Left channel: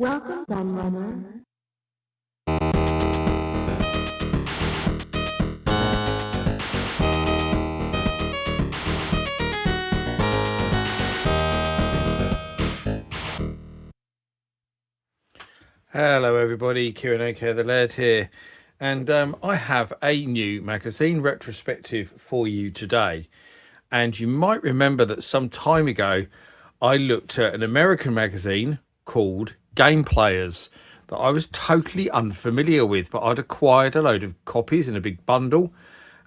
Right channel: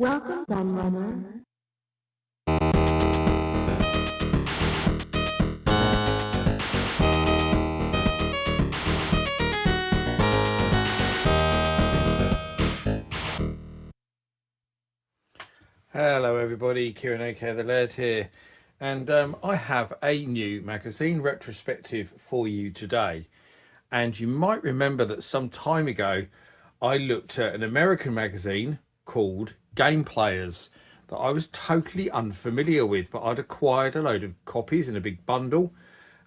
Welcome, Gunrunner. Hello everybody, Kieran O'Care the Laird here, and I have a new magazine retrospective for you today. And you might remember that some time ago I looked at an American magazine called Game Players that I was totally unfamiliar with, but I'd acquired a load of copies in a big bundle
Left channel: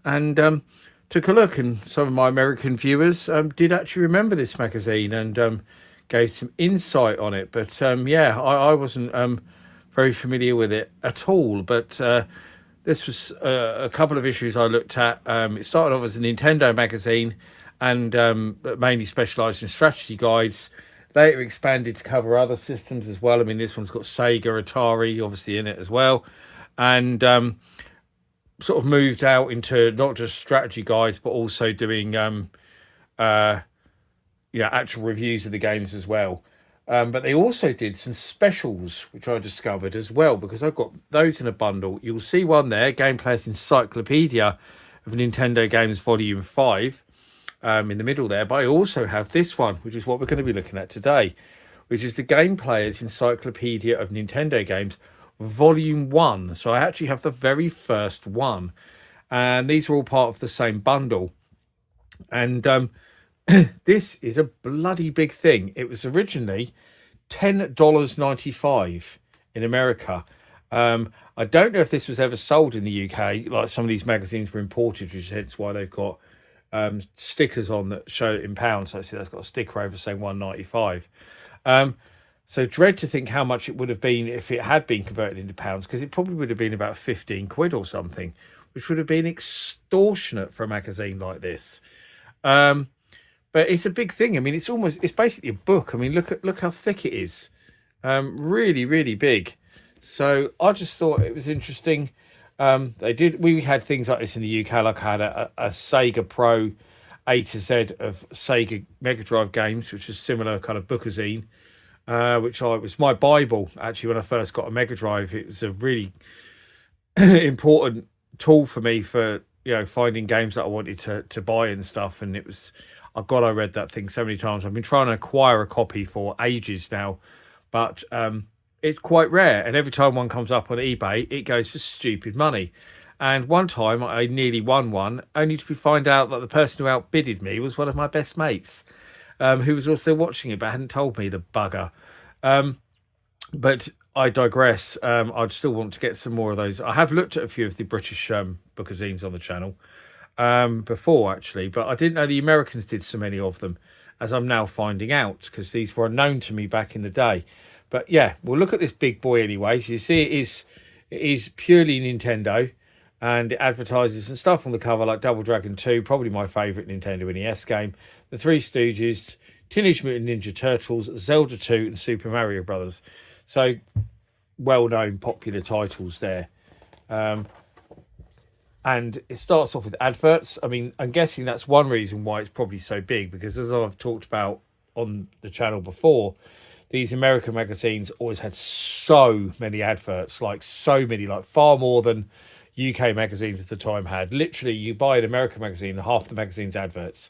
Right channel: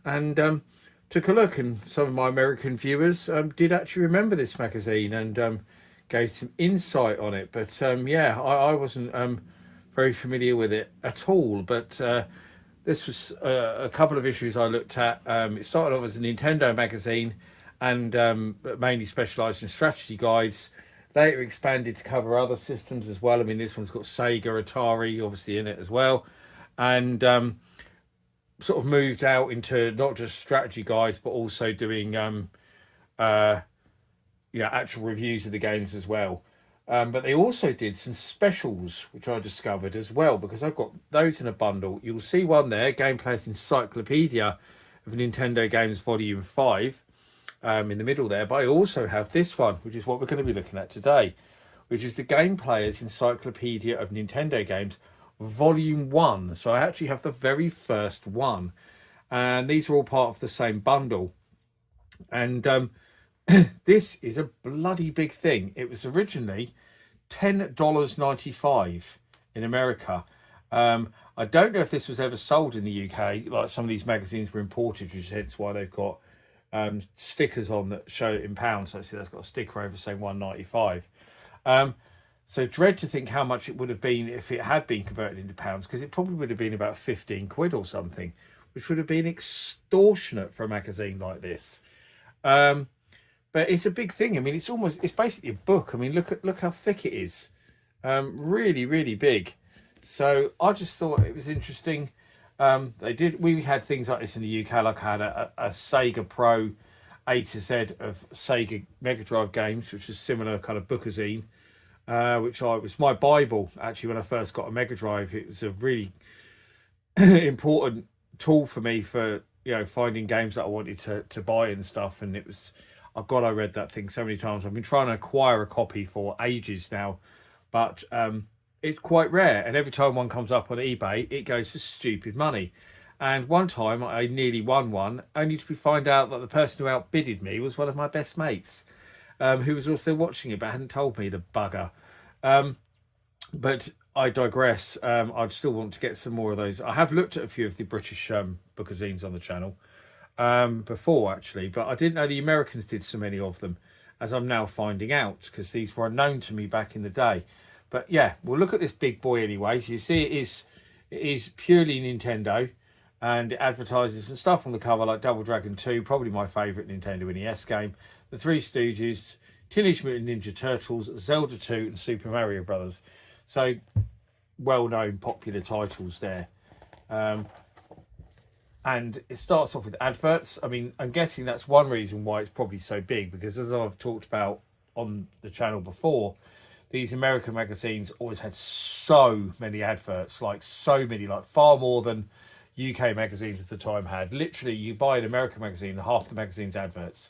and took a look, and some of my American viewers did actually remember this magazine and gave some insight on it. But yeah, I wasn't very familiar with it at all. But this was a couple of issues I looked at. It started off as a Nintendo magazine and mainly specialised in strategy guides. Later expanded to cover other systems as well. I mean, this one's got Sega, Atari, obviously in it as well, and sort of moved out into not just strategy guides, but also doing actual reviews of the games as well. But they also did some specials, which I discovered as well, because I've got those in a bundle. You'll see one there, Gameplay's Encyclopedia of Nintendo Games Volume 5, in the middle there. But I also have this one, which is what we're going to be looking at today, which is the Game Player's Encyclopedia of Nintendo Games Volume 1. So I actually have the very first one. And these are all part of the same bundle. And this is a bloody big thing. It was originally $10.95 in America. I don't know if this was ever sold in the UK. Like some of these magazines were imported, which is hence why they've got stickers on that show it in pounds. So see, that's got a sticker over saying $1.95. So dread to think how much it would have been if it had been converted into pounds, because it probably would have been about 15 quid or something, which would have been extortionate for a magazine like this. But it's a big thing. I mean, it's basically a book. I mean, look how thick it is. Really, really big. So I just thought it was interesting. We had things like this in the UK. Like I had a Sega Pro A to Z of Sega Mega Drive games, which is similar kind of Bookazine, which was my Bible actually when I first got a Mega Drive. It was a really important tool for me for finding games that I wanted to buy and stuff. And it was, oh God, I read that thing so many times. I've been trying to acquire a copy for ages now, but it's quite rare. And every time one comes up on eBay, it goes for stupid money. And one time I nearly won one, only to find out that the person who outbidded me was one of my best mates, who was also watching it but hadn't told me, the bugger. But I digress. I'd still want to get some more of those. I have looked at a few of the British bookazines on the channel before, actually, but I didn't know the Americans did so many of them, as I'm now finding out, because these were unknown to me back in the day. But yeah, we'll look at this big boy anyway. So you see it is purely Nintendo, and it advertises some stuff on the cover like Double Dragon 2, probably my favourite Nintendo NES game, The Three Stooges, Teenage Mutant Ninja Turtles, Zelda 2 and Super Mario Brothers. So well-known popular titles there. And it starts off with adverts. I mean, I'm guessing that's one reason why it's probably so big, because as I've talked about on the channel before, these American magazines always had so many adverts, like so many, like far more than UK magazines at the time had. Literally, you buy an American magazine and half the magazine's adverts.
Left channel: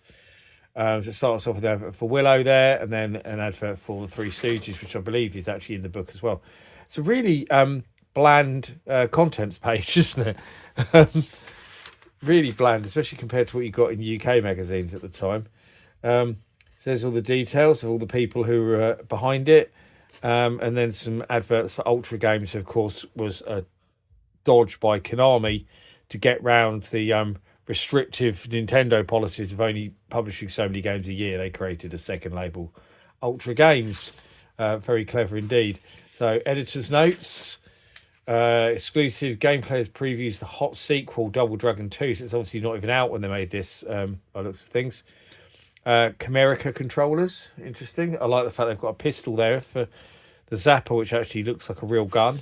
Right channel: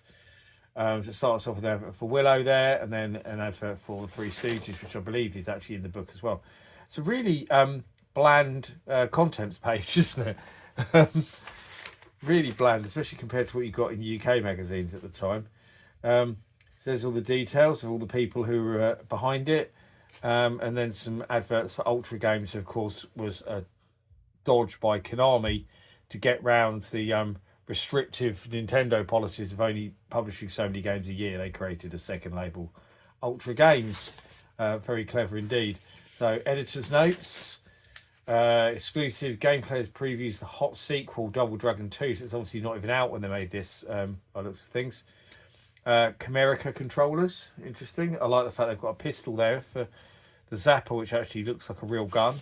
So it starts off with an advert for Willow there, and then an advert for the Three Stooges, which I believe is actually in the book as well. It's a really bland contents page, isn't it? Really bland, especially compared to what you got in UK magazines at the time. There's all the details of all the people who were behind it, and then some adverts for Ultra Games. Of course, was a dodge by Konami to get round the restrictive Nintendo policies of only publishing so many games a year. They created a second label, Ultra Games. Very clever indeed. So editor's notes, exclusive Gameplayers previews the hot sequel Double Dragon 2. So it's obviously not even out when they made this, by looks of things. Chimerica controllers, interesting. I like the fact they've got a pistol there for the Zapper, which actually looks like a real gun.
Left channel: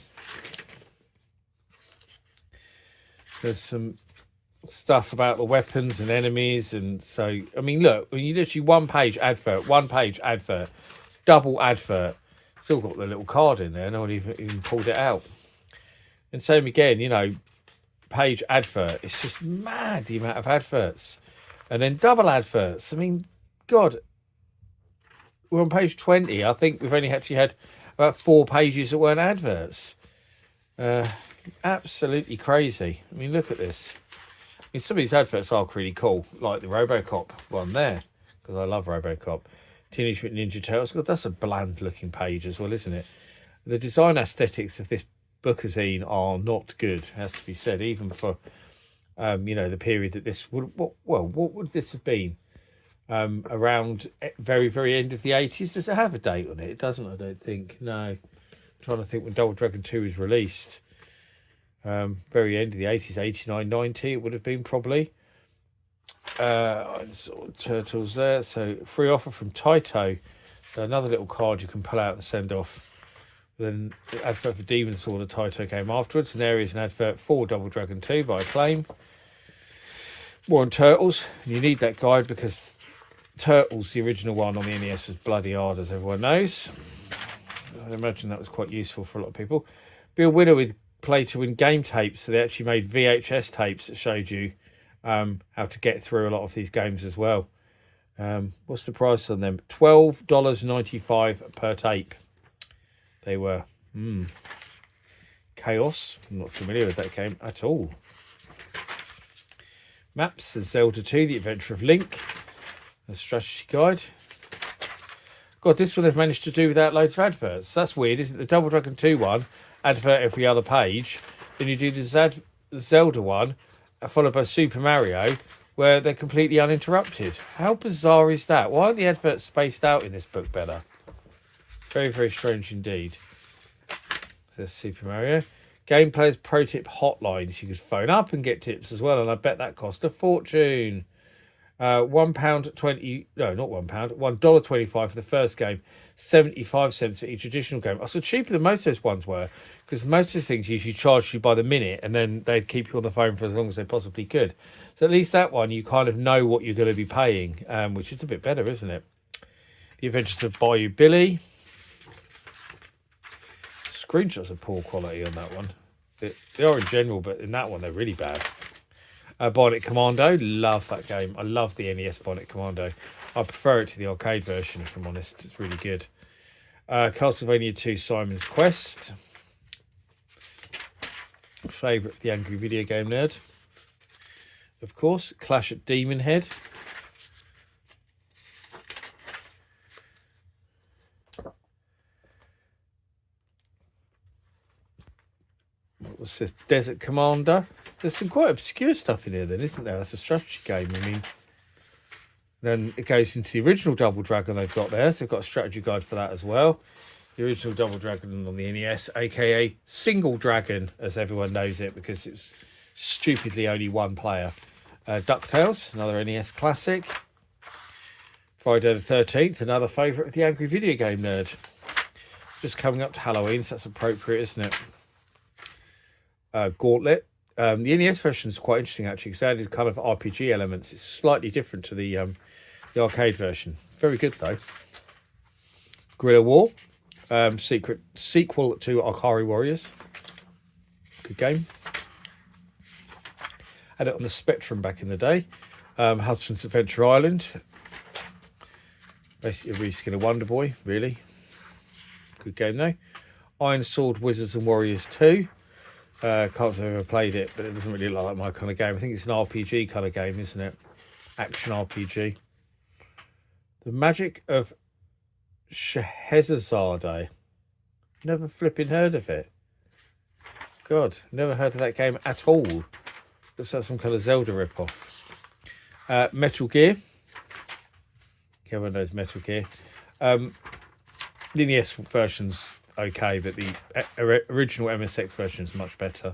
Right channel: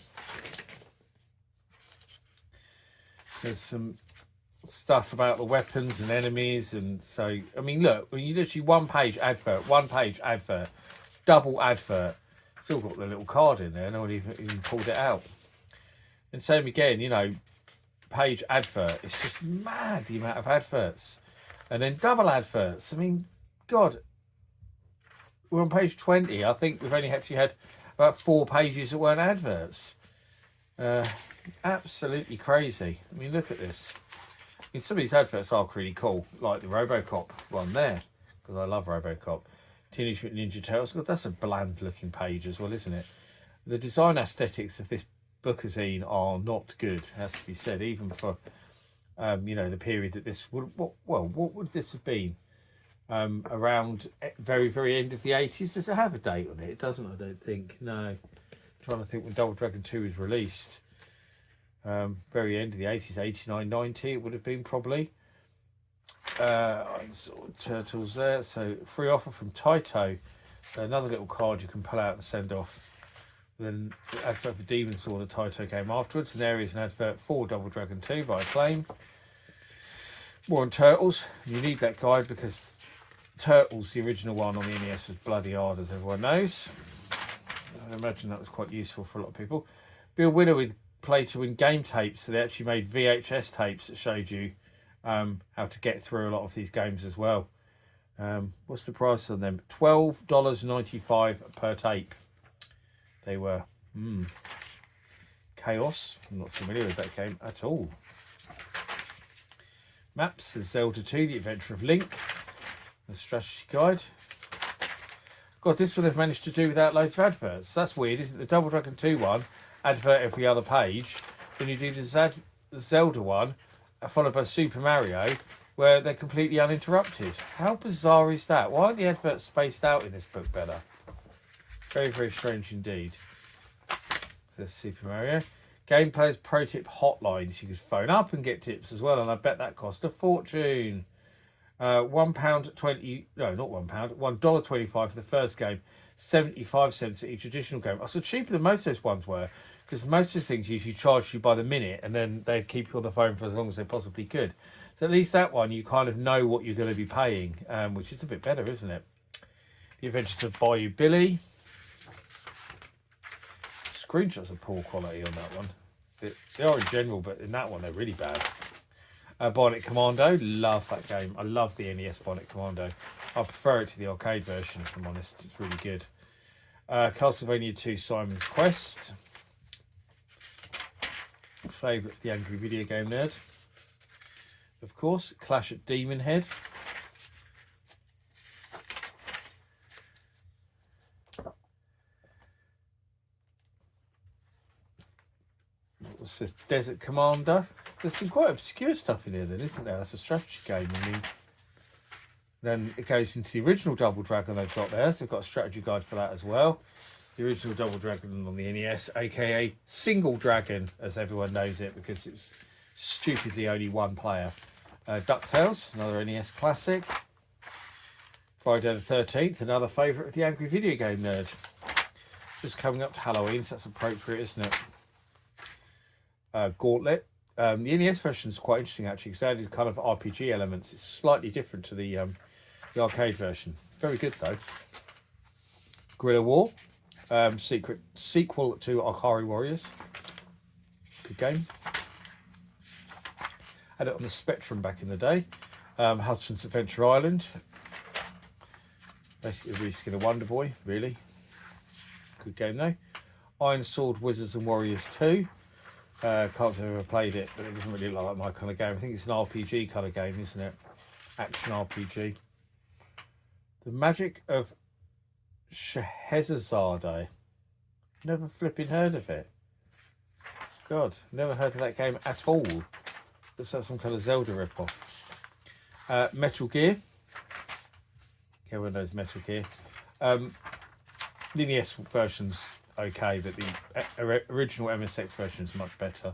There's some stuff about the weapons and enemies, and so I mean, look, when you literally one page advert, double advert. Still got the little card in there. No one even pulled it out. And same again, you know, page advert. It's just mad the amount of adverts. And then double adverts. I mean, God, we're on page 20. I think we've only actually had about 4 pages that weren't adverts. Absolutely crazy. I mean, look at this. I mean, some of these adverts are really cool, like the RoboCop one there, because I love RoboCop. Teenage Mutant Ninja Turtles. God, that's a bland looking page as well, isn't it? The design aesthetics of this Bookazine are not good, has to be said, even for you know, the period that this would, what would this have been? Around very end of the 80s. Does it have a date on it? It doesn't, I don't think. No. I'm trying to think when Double Dragon 2 was released. Very end of the 80s, 89, 90 it would have been probably. Turtles there. So free offer from Taito. So another little card you can pull out and send off. Then the advert for Demon Sword of Taito came afterwards. And there is an advert for Double Dragon 2 by Acclaim. More on Turtles. You need that guide because Turtles, the original one on the NES, was bloody hard, as everyone knows. I imagine that was quite useful for a lot of people. Be a winner with play to win game tapes. So they actually made VHS tapes that showed you how to get through a lot of these games as well. What's the price on them? $12.95 per tape. They were Chaos. I'm not familiar with that game at all. Maps, the Zelda 2, The Adventure of Link, the strategy guide. God, this one they've managed to do without loads of adverts. That's weird, isn't it? The Double Dragon 2 one, advert every other page. Then you do the Zelda one, followed by Super Mario, where they're completely uninterrupted. How bizarre is that? Why aren't the adverts spaced out in this book better? Very strange indeed. There's Super Mario. Game Players Pro Tip Hotlines. You could phone up and get tips as well, and I bet that cost a fortune. £1.20, no, not £1, $1.25 for the first game, 75 cents for each additional game. So cheaper than most of those ones were, because most of those things usually charge you by the minute, and then they'd keep you on the phone for as long as they possibly could. So at least that one, you kind of know what you're going to be paying, which is a bit better, isn't it? The Adventures of Bayou Billy. Screenshots are poor quality on that one. They are in general, but in that one they're really bad. Bionic Commando, love that game. I love the NES Bionic Commando. I prefer it to the arcade version, if I'm honest. It's really good. Castlevania 2 Simon's Quest. Favourite of the Angry Video Game Nerd. Of course, Clash at Demon Head. What was this? Desert Commander. There's some quite obscure stuff in here then, isn't there? That's a strategy game. I mean, then it goes into the original Double Dragon they've got there. So they've got a strategy guide for that as well. The original Double Dragon on the NES, aka Single Dragon, as everyone knows it, because it was stupidly only one player. DuckTales, another NES classic. Friday the 13th, another favourite of the Angry Video Game Nerd. Just coming up to Halloween, so that's appropriate, isn't it? Gauntlet. The NES version is quite interesting actually, because that is kind of RPG elements. It's slightly different to the arcade version. Very good though. Guerrilla War, secret sequel to Akari Warriors. Good game. Had it on the Spectrum back in the day. Hudson's Adventure Island. Basically a reskin of Wonder Boy, really. Good game though. Iron Sword Wizards and Warriors 2. Can't have ever played it, but it doesn't really look like my kind of game. I think it's an RPG kind of game, isn't it? Action RPG. The Magic of Scheherazade. Never flipping heard of it. God, never heard of that game at all. Looks like some kind of Zelda ripoff. Metal Gear. Everyone knows Metal Gear. The NES version's okay, but the original MSX version is much better.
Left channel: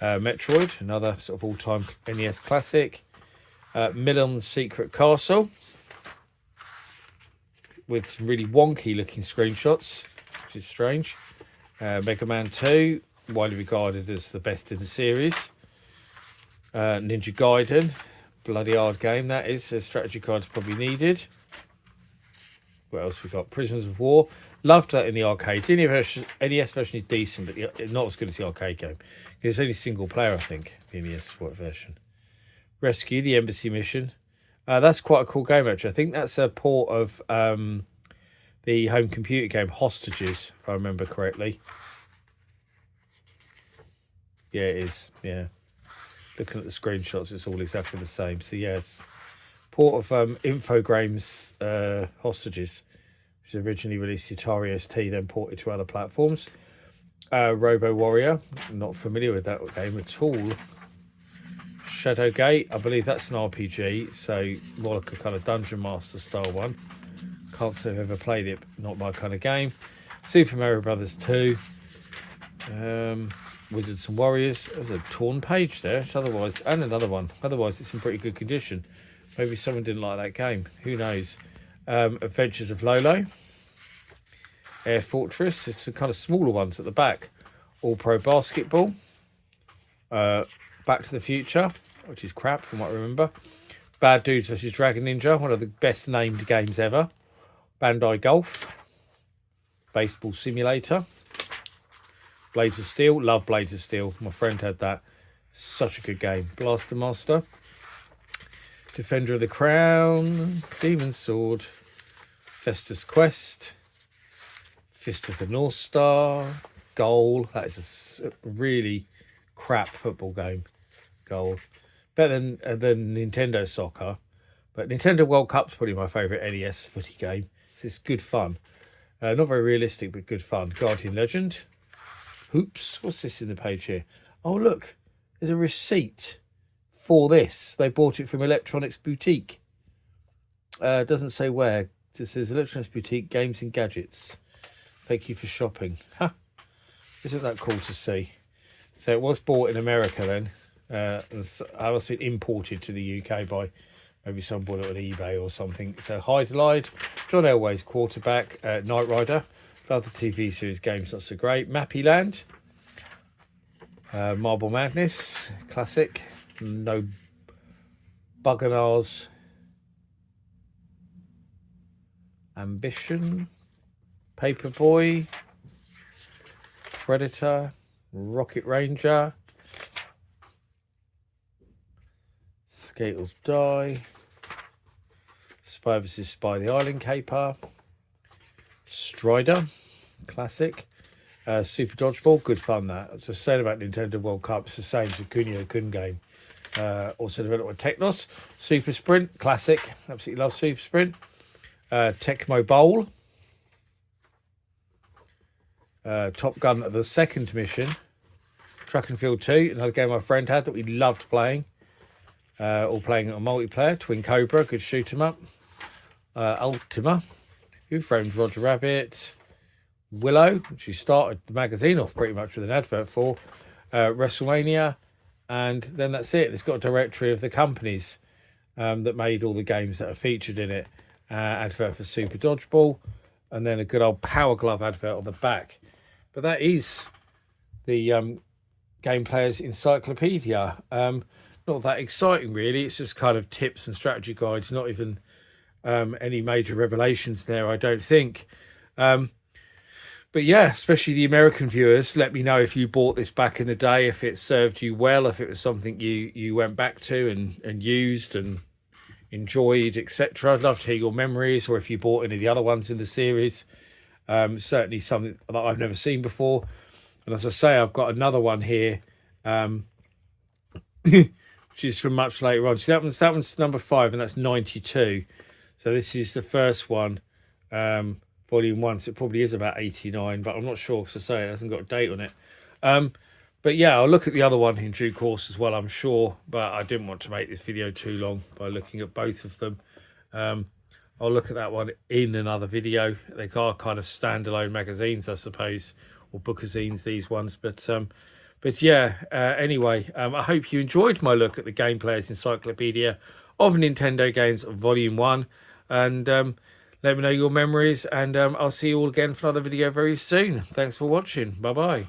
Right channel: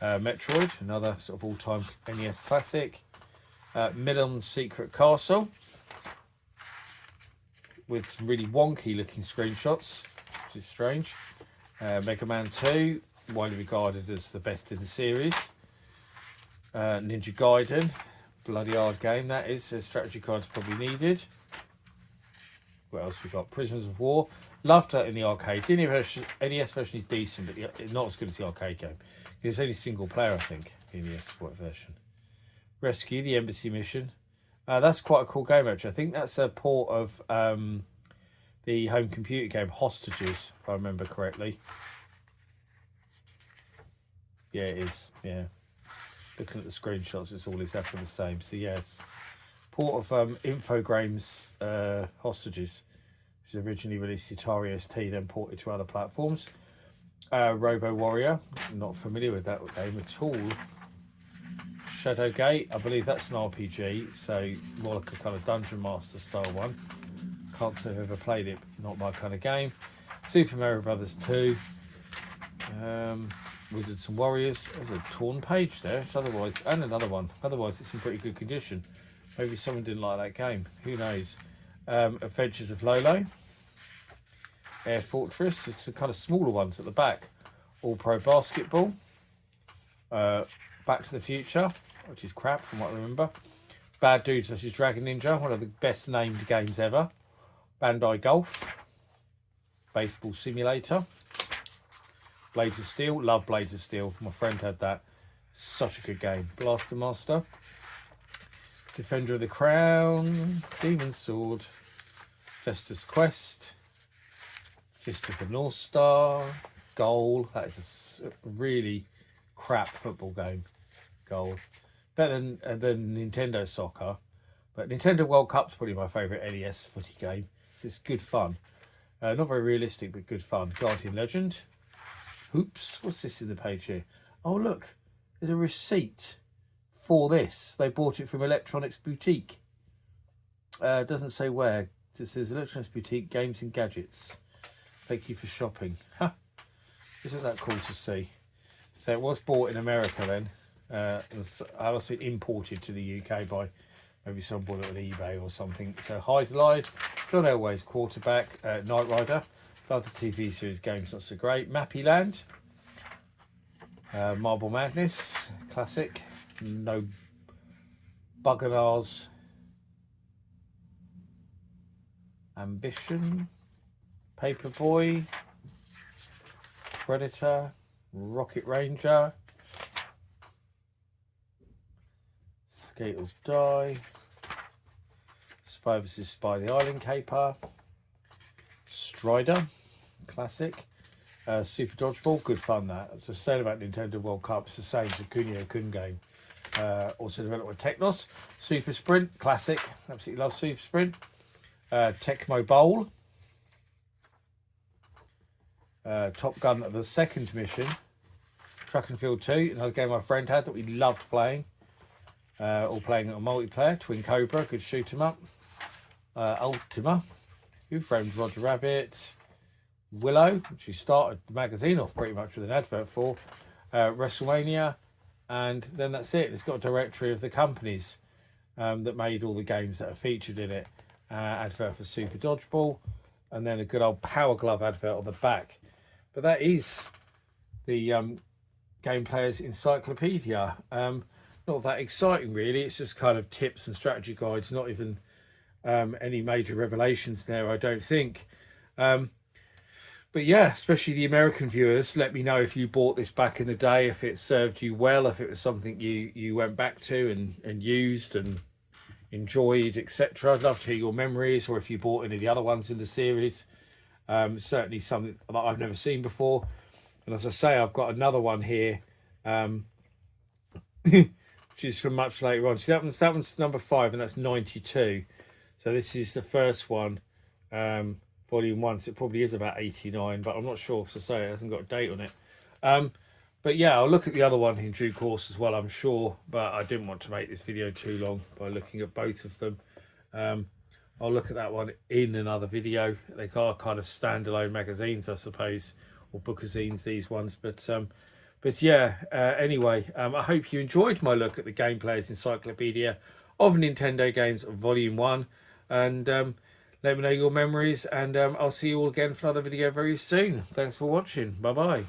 Metroid, another sort of all-time NES classic. Milon's Secret Castle, with some really wonky looking screenshots, which is strange. Mega Man 2, widely regarded as the best in the series. Ninja Gaiden, bloody hard game that is. A strategy card's probably needed. What else we got? Prisoners of War. Loved that in the arcades. The NES version is decent, but not as good as the arcade game. It's only single player, I think, the NES version. Rescue, the Embassy Mission. That's quite a cool game, actually. I think that's a port of the home computer game Hostages, if I remember correctly. Yeah, it is. Yeah. Looking at the screenshots, it's all exactly the same. So, yes. Port of Infogrames Hostages, which was originally released to Atari ST, then ported to other platforms. Robo Warrior. I'm not familiar with that game at all. Shadowgate, I believe that's an RPG, so more like a kind of Dungeon Master style one. Can't say I've ever played it, not my kind of game. Super Mario Brothers 2. Wizards and Warriors. There's a torn page there. It's otherwise, and another one. Otherwise, it's in pretty good condition. Maybe someone didn't like that game. Who knows? Adventures of Lolo. Air Fortress. It's the kind of smaller ones at the back. All Pro Basketball. Back to the Future, which is crap from what I remember. Bad Dudes vs Dragon Ninja, one of the best named games ever. Bandai Golf. Baseball Simulator. Blades of Steel, love Blades of Steel. My friend had that. Such a good game. Blaster Master. Defender of the Crown. Demon's Sword. Festus Quest. Fist of the North Star. Goal. That is a really crap football game. Goal. Better than Nintendo Soccer. But Nintendo World Cup's probably my favourite NES footy game. It's good fun. Not very realistic, but good fun. Guardian Legend. Hoops. What's this in the page here? Oh, look. There's a receipt for this. They bought it from Electronics Boutique. Doesn't say where. It says Electronics Boutique Games and Gadgets. Thank you for shopping. Huh. Isn't that cool to see? So it was bought in America then. I must have been imported to the UK by maybe someone bought it on eBay or something. So Hyde, John Elway's quarterback, Knight Rider. Love the TV series games, not so great. Mappy Land. Marble Madness, classic. No Bugganars. Ambition. Paperboy. Predator. Rocket Ranger. Skaters Die. Spy vs Spy the Island Caper. Strider, classic. Super Dodgeball, good fun that. It's the same about Nintendo World Cup. It's the same as the Kunio-kun game. Also developed with Technos. Super Sprint, classic. Absolutely love Super Sprint. Tecmo Bowl. Top Gun, the second mission. Track and Field 2, another game my friend had that we loved playing. All playing it on multiplayer. Twin Cobra, good shoot 'em up. Ultima. Who Framed Roger Rabbit. Willow, which we started the magazine off pretty much with an advert for. WrestleMania. And then that's it. It's got a directory of the companies that made all the games that are featured in it. Advert for Super Dodgeball. And then a good old Power Glove advert on the back. But that is the Game Player's Encyclopedia. Not that exciting, really. It's just kind of tips and strategy guides. Not even any major revelations there, I don't think. But yeah, especially the American viewers, let me know if you bought this back in the day, if it served you well, if it was something you went back to and used and enjoyed, etc. I'd love to hear your memories, or if you bought any of the other ones in the series. Certainly something that I've never seen before. And as I say, I've got another one here, which is from much later on. So that one's number 5, and that's 92. So this is the first one, volume 1. So it probably is about 89, but I'm not sure, because I say it hasn't got a date on it. But yeah, I'll look at the other one in due course as well, I'm sure. But I didn't want to make this video too long by looking at both of them. I'll look at that one in another video. They are kind of standalone magazines, I suppose, or bookazines, these ones. But yeah, anyway, I hope you enjoyed my look at the Game Player's Encyclopedia of Nintendo Games Volume 1. And let me know your memories. And I'll see you all again for another video very soon. Thanks for watching. Bye-bye.